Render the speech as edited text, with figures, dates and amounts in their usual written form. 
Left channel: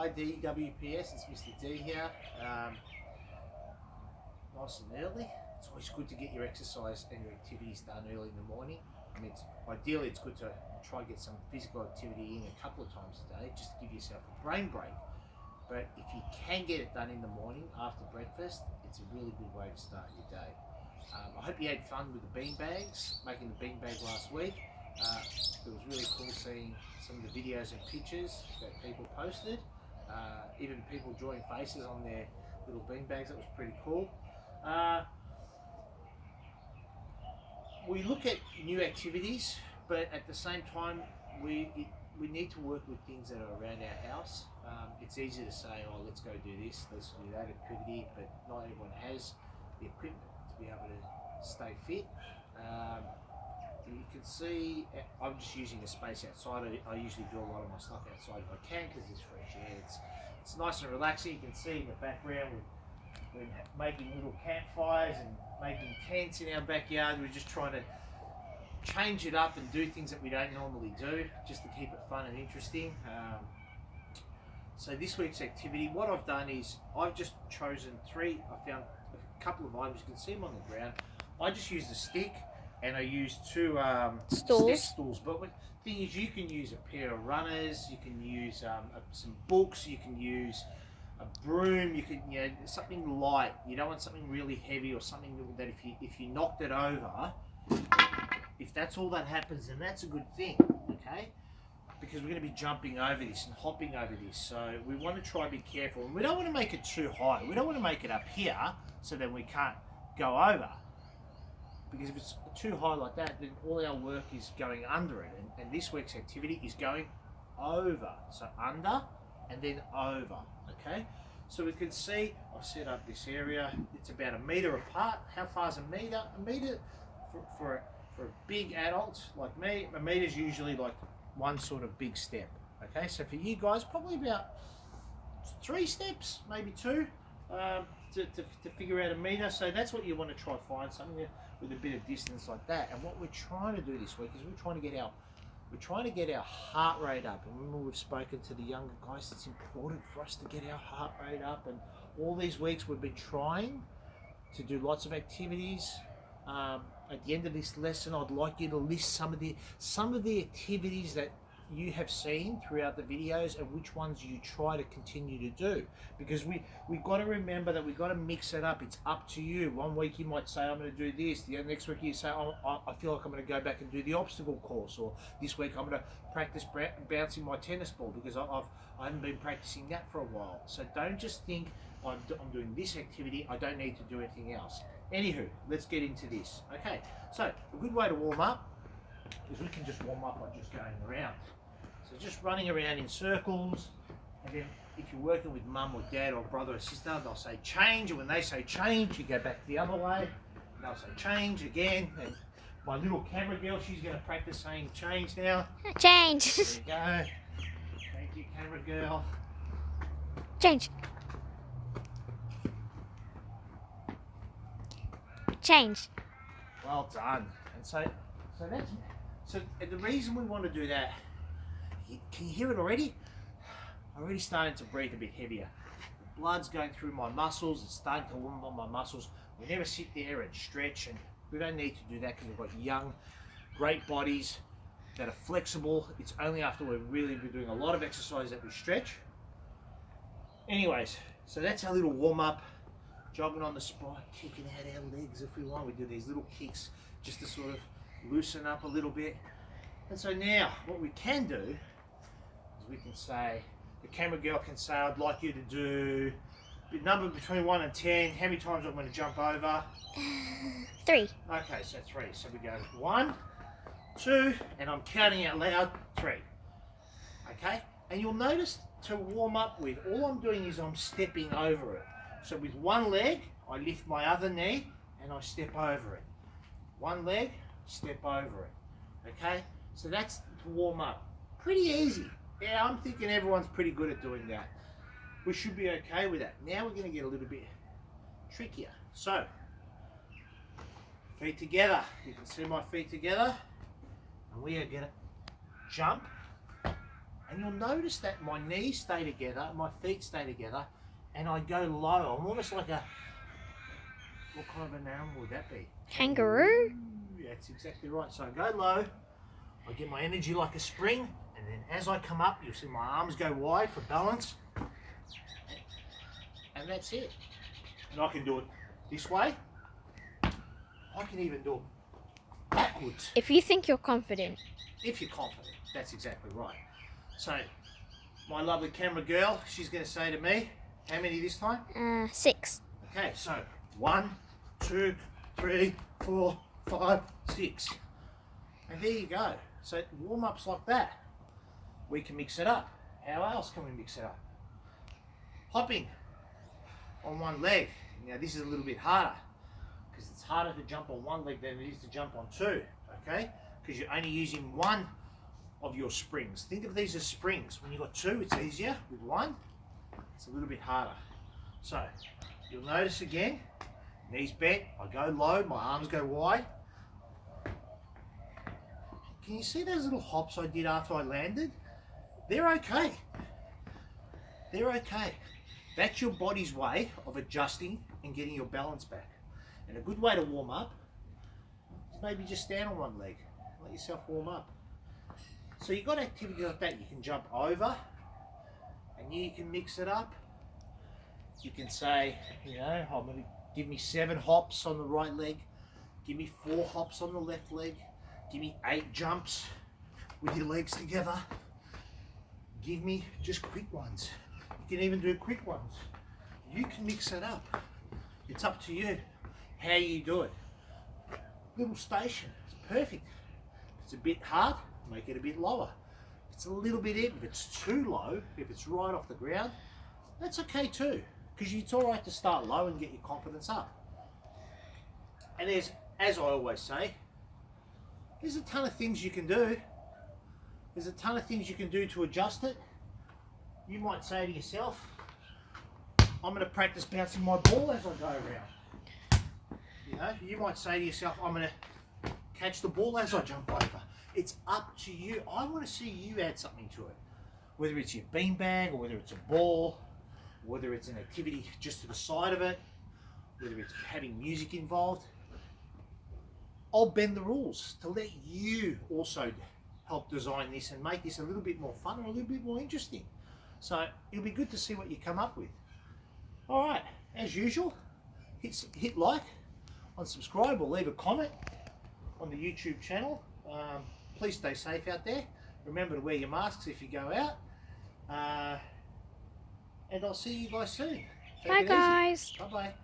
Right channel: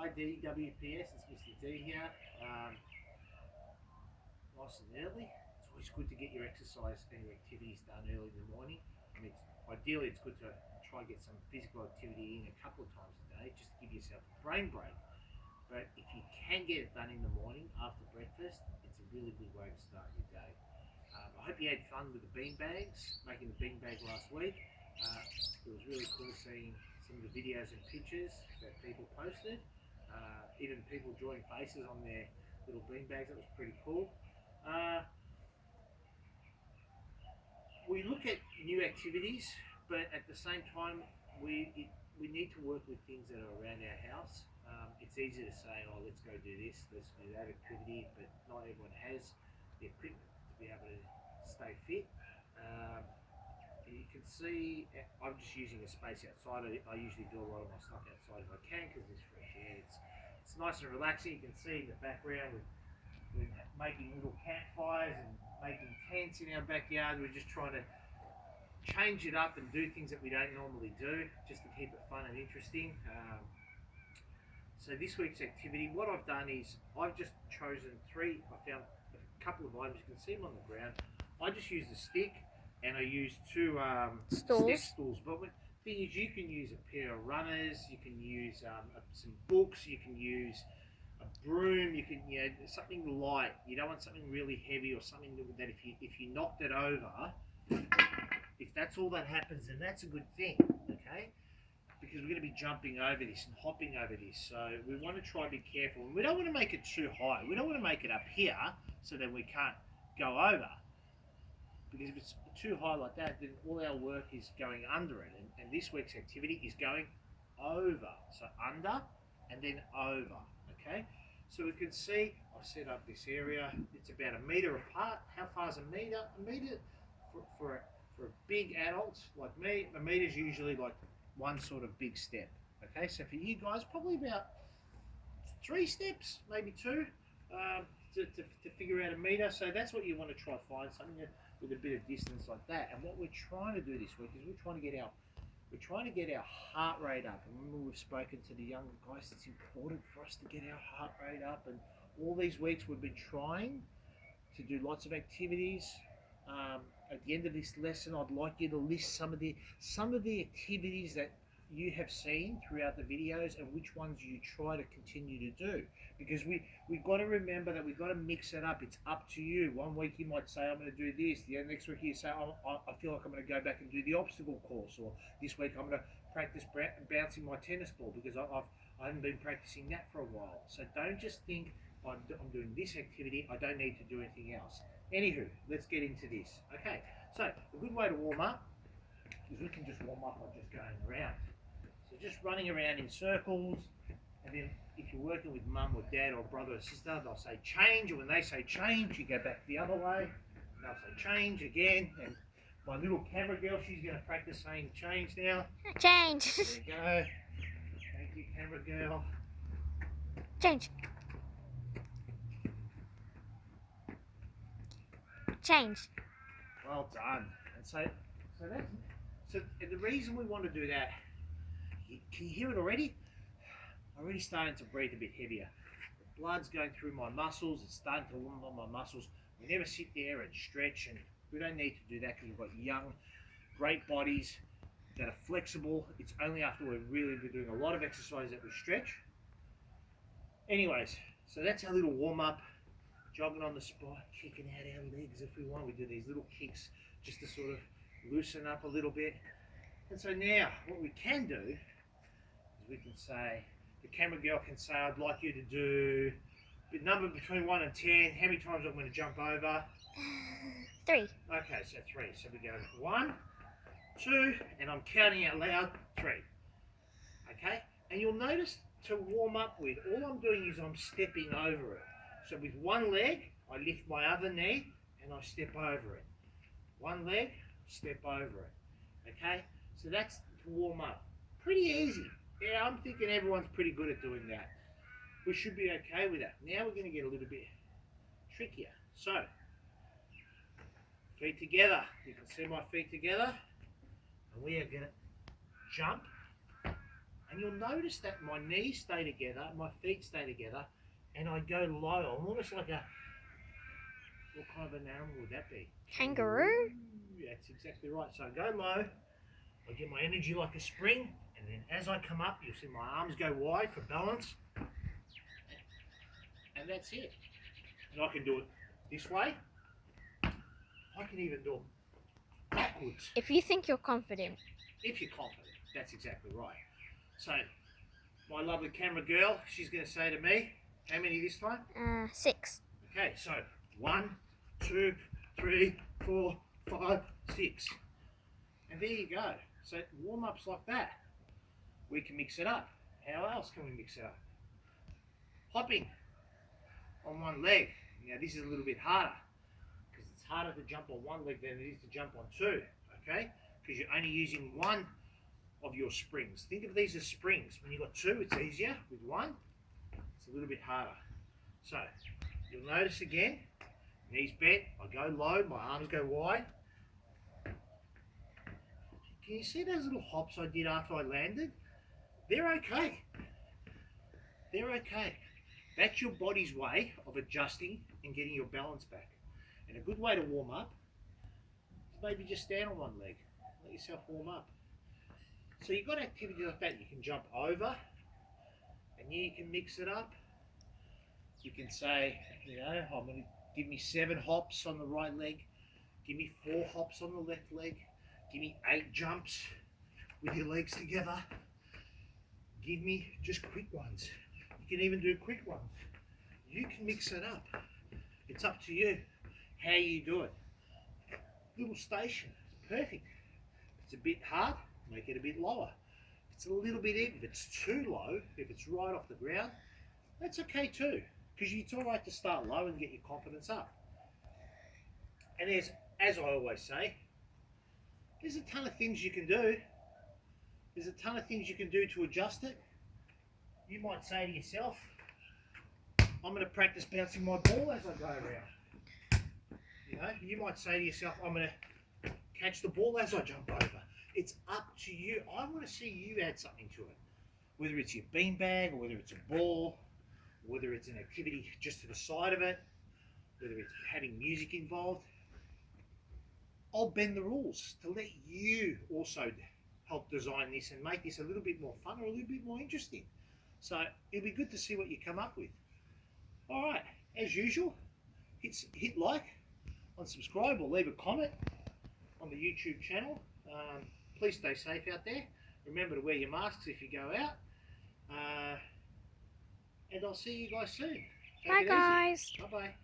Hi DWPS, it's Mr. D here. Nice and early. It's always good to get your exercise and your activities done early in the morning. I mean, ideally it's good to try and get some physical activity in a couple of times a day, just to give yourself a brain break. But if you can get it done in the morning after breakfast, it's a really good way to start your day. I hope you had fun with the bean bags, making the bean bag last week. It was really cool seeing some of the videos and pictures that people posted. Even people drawing faces on their little bean bags. That was pretty cool. We look at new activities, but at the same time, we need to work with things that are around our house. It's easy to say, oh, let's go do this, let's do that activity, but not everyone has the equipment to be able to stay fit. You can see, I'm just using a space outside. I usually do a lot of my stuff outside if I can because there's fresh air. It's nice and relaxing. You can see in the background we're making little campfires and making tents in our backyard. We're just trying to change it up and do things that we don't normally do, just to keep it fun and interesting. So this week's activity, what I've done is I've just chosen three. I found a couple of items. You can see them on the ground. I just used a stick and I used two step stools. But the thing is, you can use a pair of runners, you can use some books, you can use a broom, you can, something light. You don't want something really heavy or something that if you knocked it over, if that's all that happens, then that's a good thing, okay? Because we're going to be jumping over this and hopping over this, so we want to try and be careful. And we don't want to make it too high. We don't want to make it up here so then we can't go over. Because if it's too high like that, then all our work is going under it. And this week's activity is going over. So under and then over, okay? So we can see, I've set up this area. It's about 1 meter apart. How far is 1 meter? 1 meter for a big adult like me, 1 meter is usually like one sort of big step, okay? So for you guys, probably about 3 steps, maybe 2, to figure out 1 meter. So that's what you want to try to find, something with a bit of distance like that. And what we're trying to do this week is we're trying to get our heart rate up. And remember, we've spoken to the younger guys, it's important for us to get our heart rate up. And all these weeks we've been trying to do lots of activities. At the end of this lesson, I'd like you to list some of the activities that you have seen throughout the videos and which ones you try to continue to do, because we got to remember that we got to mix it up. It's up to you. One week you might say, I'm going to do this. The next week you say, I feel like I'm going to go back and do the obstacle course, or this week I'm going to practice bouncing my tennis ball because I haven't been practicing that for a while. So don't just think I'm doing this activity, I don't need to do anything else. Anywho, let's get into this. Okay, so a good way to warm up is we can just warm up by just going around. So just running around in circles, and then if you're working with mum or dad or brother or sister, they'll say change, and when they say change, you go back the other way, and they'll say change again. And my little camera girl, she's going to practice saying change now. Change. There you go. Thank you, camera girl. Change. Change. Well done. And so the reason we want to do that, can you hear it already? I'm already starting to breathe a bit heavier. The blood's going through my muscles. It's starting to warm up my muscles. We never sit there and stretch, and we don't need to do that because we've got young, great bodies that are flexible. It's only after we're really doing a lot of exercise that we stretch. Anyways, so that's our little warm up. Jogging on the spot, kicking out our legs if we want. We do these little kicks just to sort of loosen up a little bit. And so now what we can do is we can say, the camera girl can say, I'd like you to do a number between 1 and 10. How many times I'm going to jump over? 3. Okay, so 3. So we go 1, 2, and I'm counting out loud, 3. Okay, and you'll notice to warm up with, all I'm doing is I'm stepping over it. So with one leg, I lift my other knee and I step over it. One leg, step over it. Okay? So that's to warm up. Pretty easy. Yeah, I'm thinking everyone's pretty good at doing that. We should be okay with that. Now we're going to get a little bit trickier. So, feet together. You can see my feet together. And we are going to jump And you'll notice that my knees stay together, my feet stay together, and I go low. I'm almost like a, what kind of an animal would that be? Kangaroo. That's exactly right. So I go low, I get my energy like a spring, and then as I come up, you'll see my arms go wide for balance. And that's it. And I can do it this way. I can even do it backwards. If you think you're confident. If you're confident, that's exactly right. So, my lovely camera girl, she's going to say to me, how many this time? 6. Okay, so 1, 2, 3, 4, 5, 6. And there you go. So warm-ups like that. We can mix it up. How else can we mix it up? Hopping on one leg. Now this is a little bit harder because it's harder to jump on one leg than it is to jump on two, okay? Because you're only using one of your springs. Think of these as springs. When you've got two, it's easier. With one, it's a little bit harder. So you'll notice again, knees bent, I go low, my arms go wide. Can you see those little hops I did after I landed? They're okay. They're okay. That's your body's way of adjusting and getting your balance back. And a good way to warm up is maybe just stand on one leg. Let yourself warm up. So you've got activities like that. You can jump over and you can mix it up. You can say, you know, I'm going to give me 7 hops on the right leg. Give me 4 hops on the left leg. Give me 8 jumps with your legs together. Give me just quick ones. You can even do quick ones. You can mix it up. It's up to you how you do it. Little station, it's perfect. If it's a bit hard, make it a bit lower. If it's a little bit in, if it's too low, if it's right off the ground, that's okay too. Because it's all right to start low and get your confidence up. And there's, as I always say, there's a ton of things you can do. There's a ton of things you can do to adjust it. You might say to yourself, I'm going to practice bouncing my ball as I go around. You know, you might say to yourself, I'm going to catch the ball as I jump over. It's up to you. I want to see you add something to it. Whether it's your beanbag, or whether it's a ball, whether it's an activity just to the side of it, whether it's having music involved. I'll bend the rules to let you also help design this and make this a little bit more fun or a little bit more interesting. So it'll be good to see what you come up with. All right, as usual, hit like, unsubscribe, or leave a comment on the YouTube channel. Please stay safe out there. Remember to wear your masks if you go out. And I'll see you guys soon. Take Bye, it easy. guys. Bye-bye.